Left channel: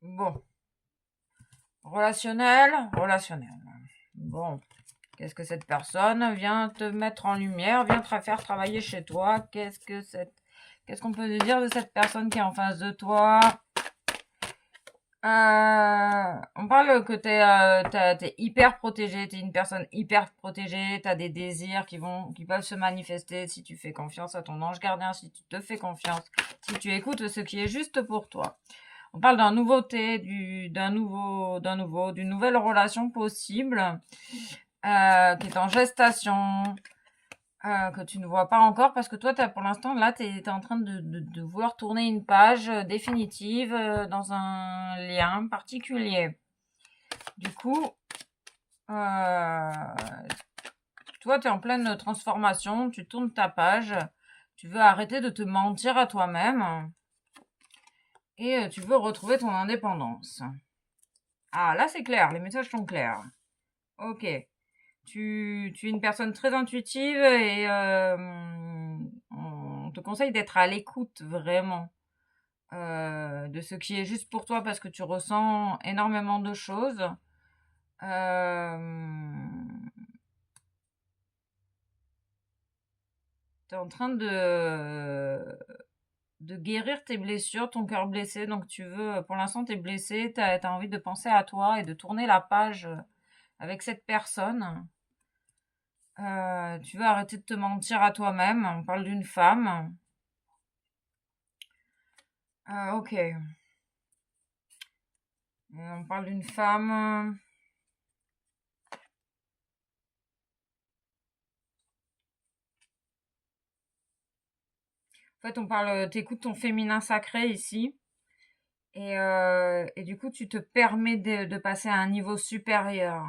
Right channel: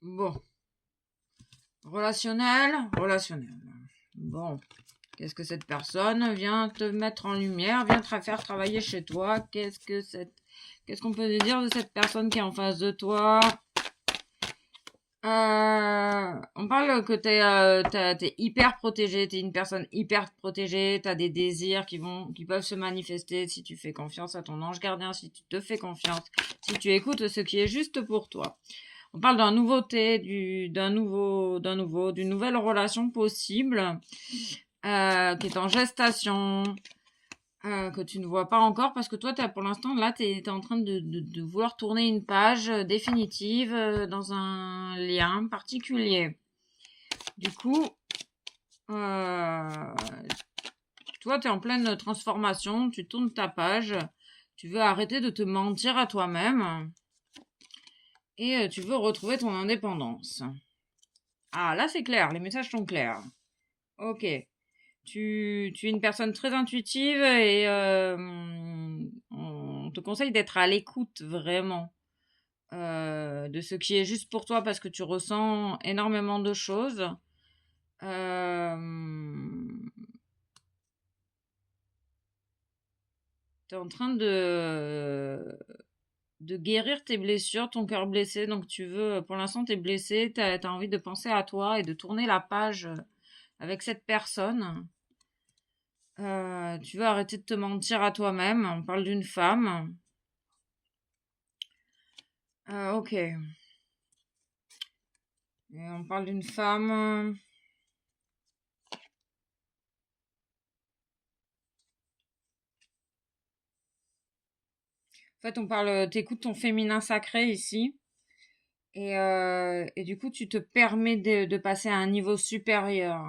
Bon, relationnel, relationnel. Bon, qu'est-ce que cette personne vient te mettre en lumière, vient te faire travailler chez toi? Qu'est-ce qu'on peut dire de cette personne qui est en face de toi? On parle que t'es hyper protégé, t'es une personne hyper protégée, t'as des désirs qui peuvent se manifester si tu fais confiance à ton ange gardien, si tu te fais confiance, si tu écoutes ce qui est juste pour toi. On parle d'un nouveauté, d'une nouvelle relation possible, qui est en gestation, que tu ne vois pas encore parce que toi, pour l'instant, là, tu es en train de vouloir tourner une page définitive dans un lien particulier. Du coup, euh, toi, tu es en pleine transformation, tu tournes ta page, tu veux arrêter de te mentir à toi-même et tu veux retrouver ton indépendance. Ah, là, c'est clair, les messages sont clairs. Ok. Tu es une personne très intuitive et on te conseille d'être à l'écoute vraiment de ce qui est juste pour toi parce que tu ressens énormément de choses. Euh, tu es en train de guérir tes blessures, ton cœur blessé. Donc tu veux, pour l'instant, tu es blessé, tu as envie de penser à toi et de tourner la page avec cette personne. Tu veux arrêter de te mentir à toi-même. On parle d'une femme. Ok. On parle d'une femme. En fait, on parle. T'écoutes ton féminin sacré ici. Et du coup, tu te permets de passer à un niveau supérieur.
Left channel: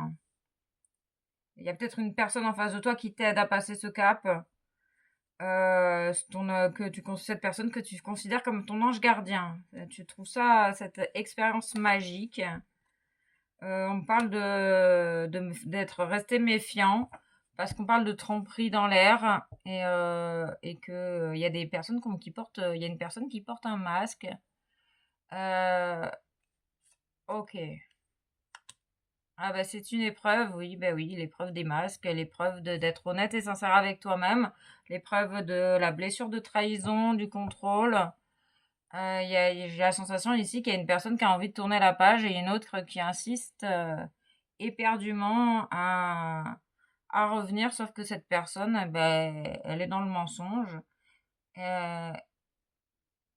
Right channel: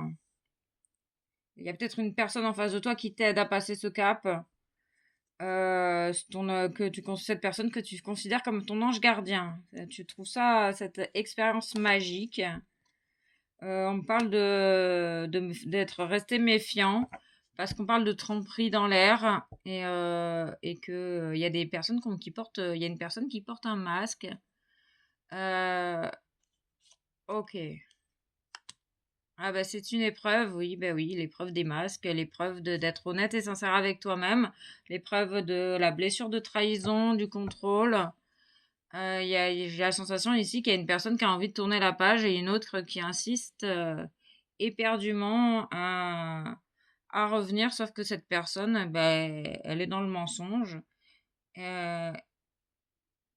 Il y a peut-être une personne en face de toi qui t'aide à passer ce cap. Cette personne que tu considères comme ton ange gardien. Tu trouves ça, cette expérience magique. On parle d'être resté méfiant parce qu'on parle de tromperie dans l'air et que il y a des personnes il y a une personne qui porte un masque. Euh, ok. Ah bah c'est une épreuve, oui, bah oui, l'épreuve des masques, l'épreuve d'être honnête et sincère avec toi-même, l'épreuve de la blessure de trahison, du contrôle. J'ai la sensation ici qu'il y a une personne qui a envie de tourner la page et une autre qui insiste éperdument à revenir, sauf que cette personne, ben, elle est dans le mensonge euh,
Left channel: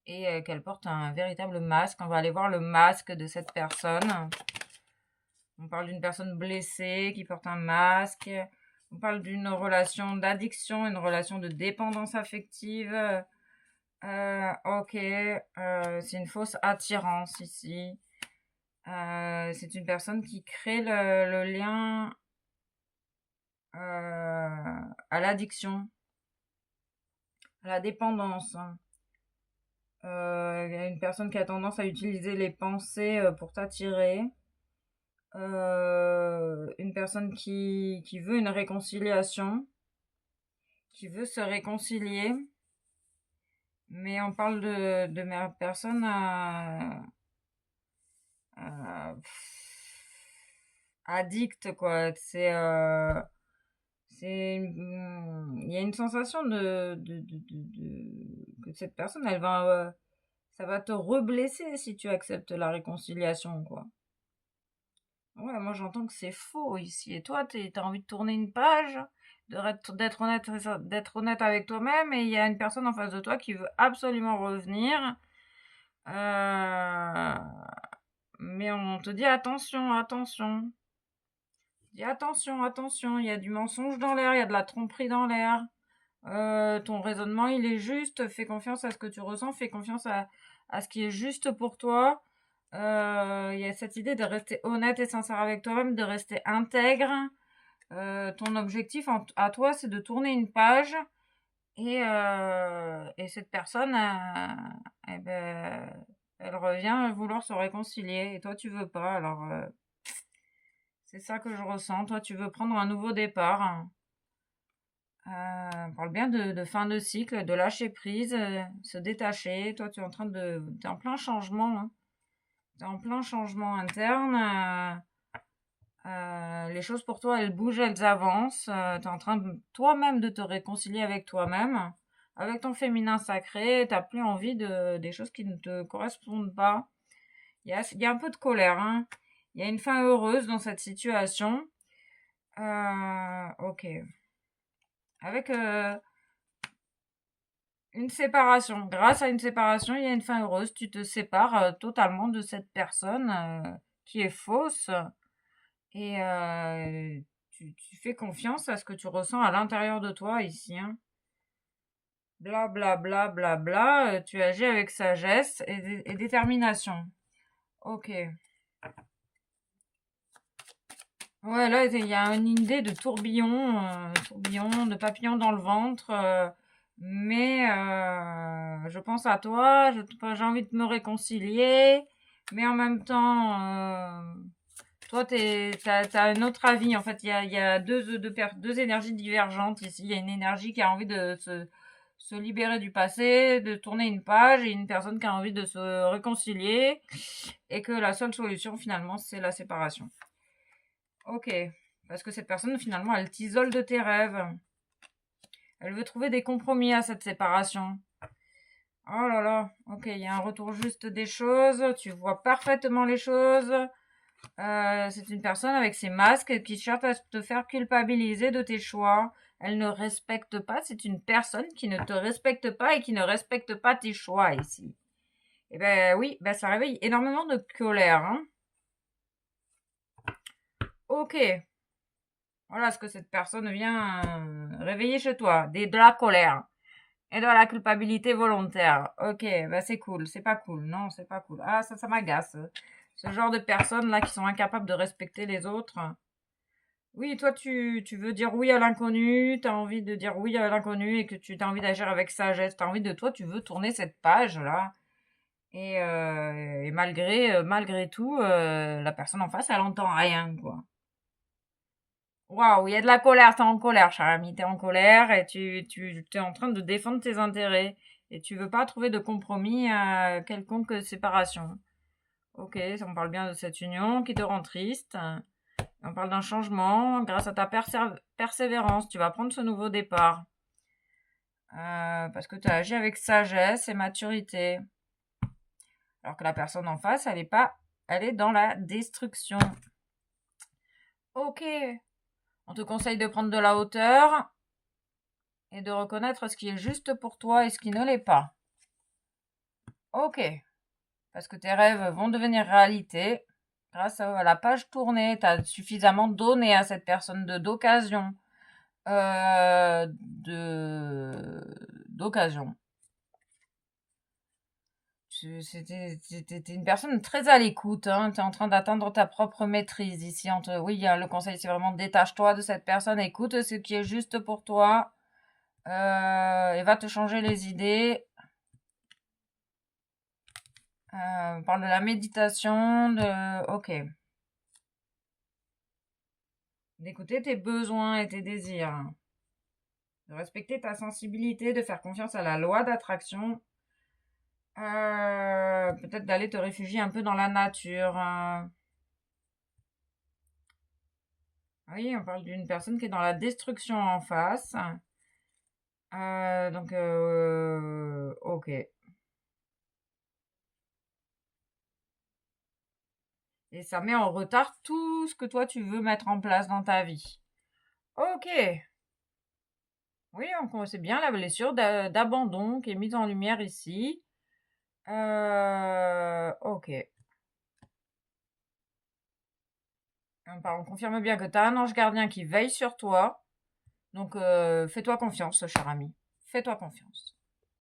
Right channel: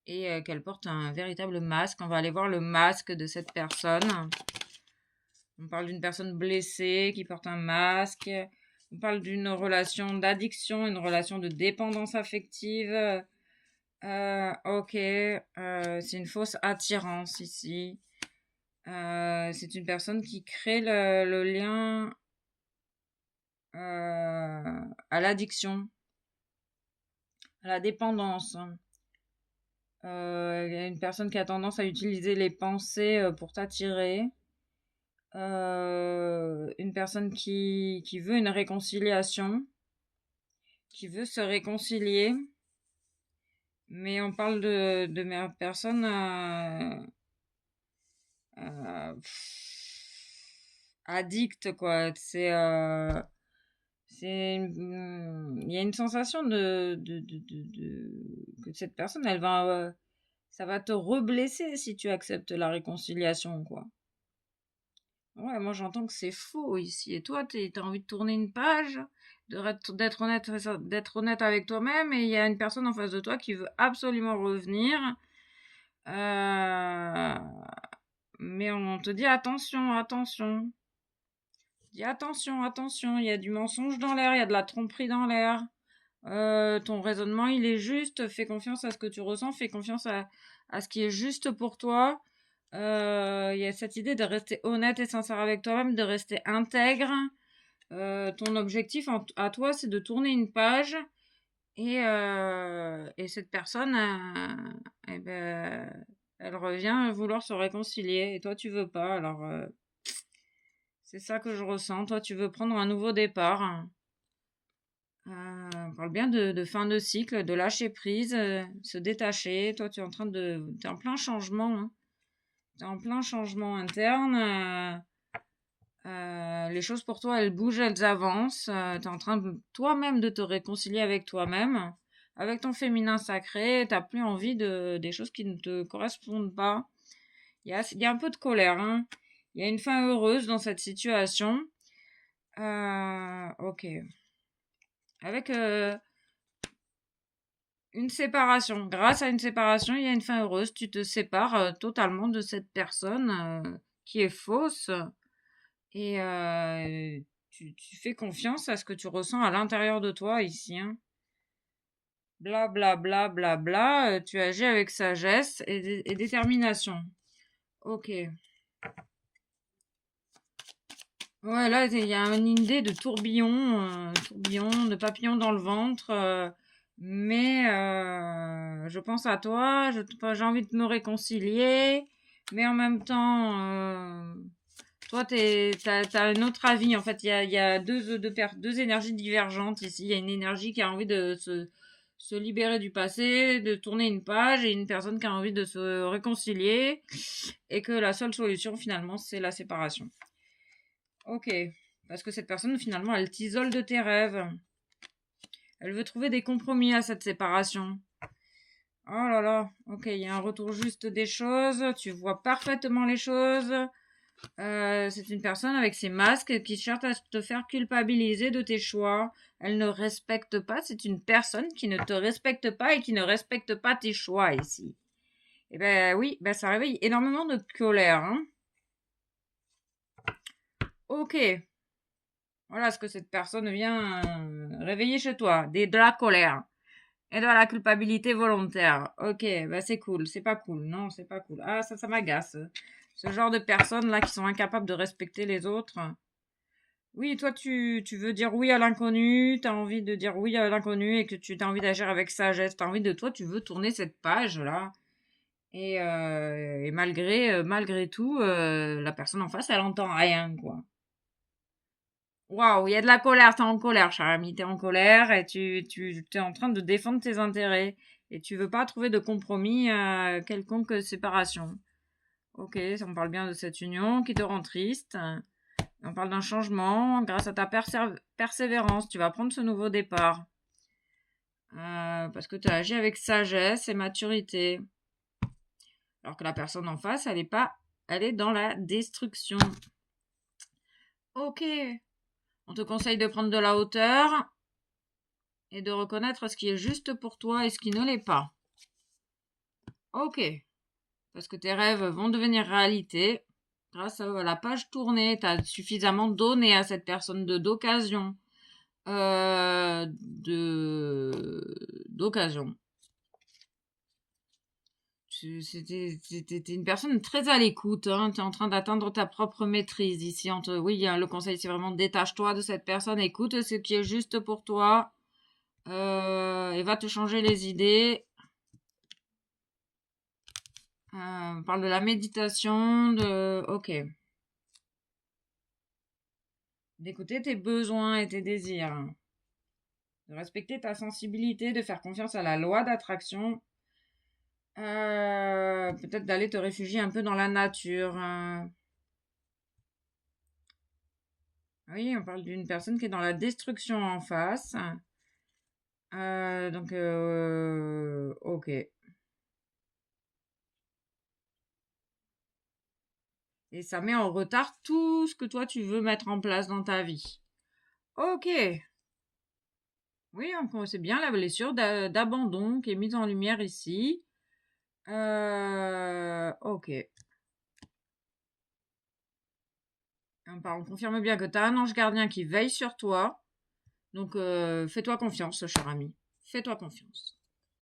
et qu'elle porte un véritable masque. On va aller voir le masque de cette personne. On parle d'une personne blessée qui porte un masque. On parle d'une relation d'addiction, une relation de dépendance affective. Ok, c'est une fausse attirance ici. C'est une personne qui crée le lien à l'addiction, à la dépendance. Il y a une personne qui a tendance à utiliser les pensées pour t'attirer. Une personne qui veut une réconciliation, qui veut se réconcilier. Mais on parle de ma personne euh, addict, quoi. Il y a une sensation que cette personne, ça va te reblesser si tu acceptes la réconciliation, quoi. Ouais, moi j'entends que c'est faux ici. Et toi, t'as envie de tourner une page, d'être honnête avec toi-même, et il y a une personne en face de toi qui veut absolument revenir. Euh, mais on te dit attention, attention. Dis attention, attention, il y a du mensonge dans l'air, il y a de la tromperie dans l'air. Ton raisonnement, il est juste. Fais confiance à ce que tu ressens, fais confiance à ce qui est juste pour toi. Il y a cette idée de rester honnête et sincère avec toi-même, de rester intègre. Ton objectif à toi, c'est de tourner une page et cette personne, eh ben, elle revient vouloir se réconcilier et toi, tu veux pas. Alors, c'est ça que je ressens. Toi, tu veux prendre un nouveau départ. On parle bien de fin de cycle, de lâcher prise, se détacher. Toi, tu es en plein changement, hein. Tu es en plein changement interne. Les choses pour toi, elles bougent, elles avancent. Tu es en train toi-même de te réconcilier avec toi-même, avec ton féminin sacré. Tu n'as plus envie des choses qui ne te correspondent pas. Il y a un peu de colère, hein. Il y a une fin heureuse dans cette situation. Ok. Avec une séparation. Grâce à une séparation, il y a une fin heureuse. Tu te sépares totalement de cette personne qui est fausse. Et tu fais confiance à ce que tu ressens à l'intérieur de toi ici, hein. Bla bla bla bla bla. Tu agis avec sagesse et détermination. Ok. Ouais, là, il y a une idée de tourbillon, de papillon dans le ventre. Mais je pense à toi, j'ai envie de me réconcilier, mais en même temps, toi, t'as un autre avis. En fait, il y a deux énergies divergentes ici. Il y a une énergie qui a envie de se libérer du passé, de tourner une page, et une personne qui a envie de se réconcilier, et que la seule solution, finalement, c'est la séparation. Ok, parce que cette personne, finalement, elle t'isole de tes rêves. Elle veut trouver des compromis à cette séparation. Oh là là, ok, il y a un retour juste des choses, tu vois parfaitement les choses. C'est une personne avec ses masques qui cherche à te faire culpabiliser de tes choix. Elle ne respecte pas, c'est une personne qui ne te respecte pas et qui ne respecte pas tes choix ici. Eh ben oui, ben ça réveille énormément de colère, hein. Ok, voilà ce que cette personne vient réveiller chez toi. De la colère et de la culpabilité volontaire. Ok, bah c'est cool. C'est pas cool. Non, c'est pas cool. Ah, ça m'agace. Ce genre de personnes là qui sont incapables de respecter les autres. Oui, toi, tu veux dire oui à l'inconnu. Tu as envie de dire oui à l'inconnu et que tu as envie d'agir avec sagesse. Tu as envie de toi, tu veux tourner cette page là. Et malgré tout, la personne en face, elle entend rien, quoi. Waouh, il y a de la colère, t'es en colère, cher ami, t'es en colère et tu t'es en train de défendre tes intérêts et tu veux pas trouver de compromis à quelconque séparation. Ok, on parle bien de cette union qui te rend triste. On parle d'un changement grâce à ta persévérance. Tu vas prendre ce nouveau départ parce que tu as agi avec sagesse et maturité. Alors que la personne en face, elle est pas, elle est dans la destruction. Ok, on te conseille de prendre de la hauteur et de reconnaître ce qui est juste pour toi et ce qui ne l'est pas. Ok, parce que tes rêves vont devenir réalité. Grâce à la page tournée, tu as suffisamment donné à cette personne d'occasion. D'occasion. C'était une personne très à l'écoute, hein. Tu es en train d'atteindre ta propre maîtrise ici. Oui, le conseil, c'est vraiment détache-toi de cette personne, écoute ce qui est juste pour toi et va te changer les idées. On parle de la méditation, ok. D'écouter tes besoins et tes désirs. De respecter ta sensibilité, de faire confiance à la loi d'attraction. Peut-être d'aller te réfugier un peu dans la nature. Oui, on parle d'une personne qui est dans la destruction en face. Ok. Et ça met en retard tout ce que toi tu veux mettre en place dans ta vie. Ok. Oui, c'est bien la blessure d'abandon qui est mise en lumière ici. Ok. On confirme bien que tu as un ange gardien qui veille sur toi. Donc, fais-toi confiance, cher ami. Fais-toi confiance.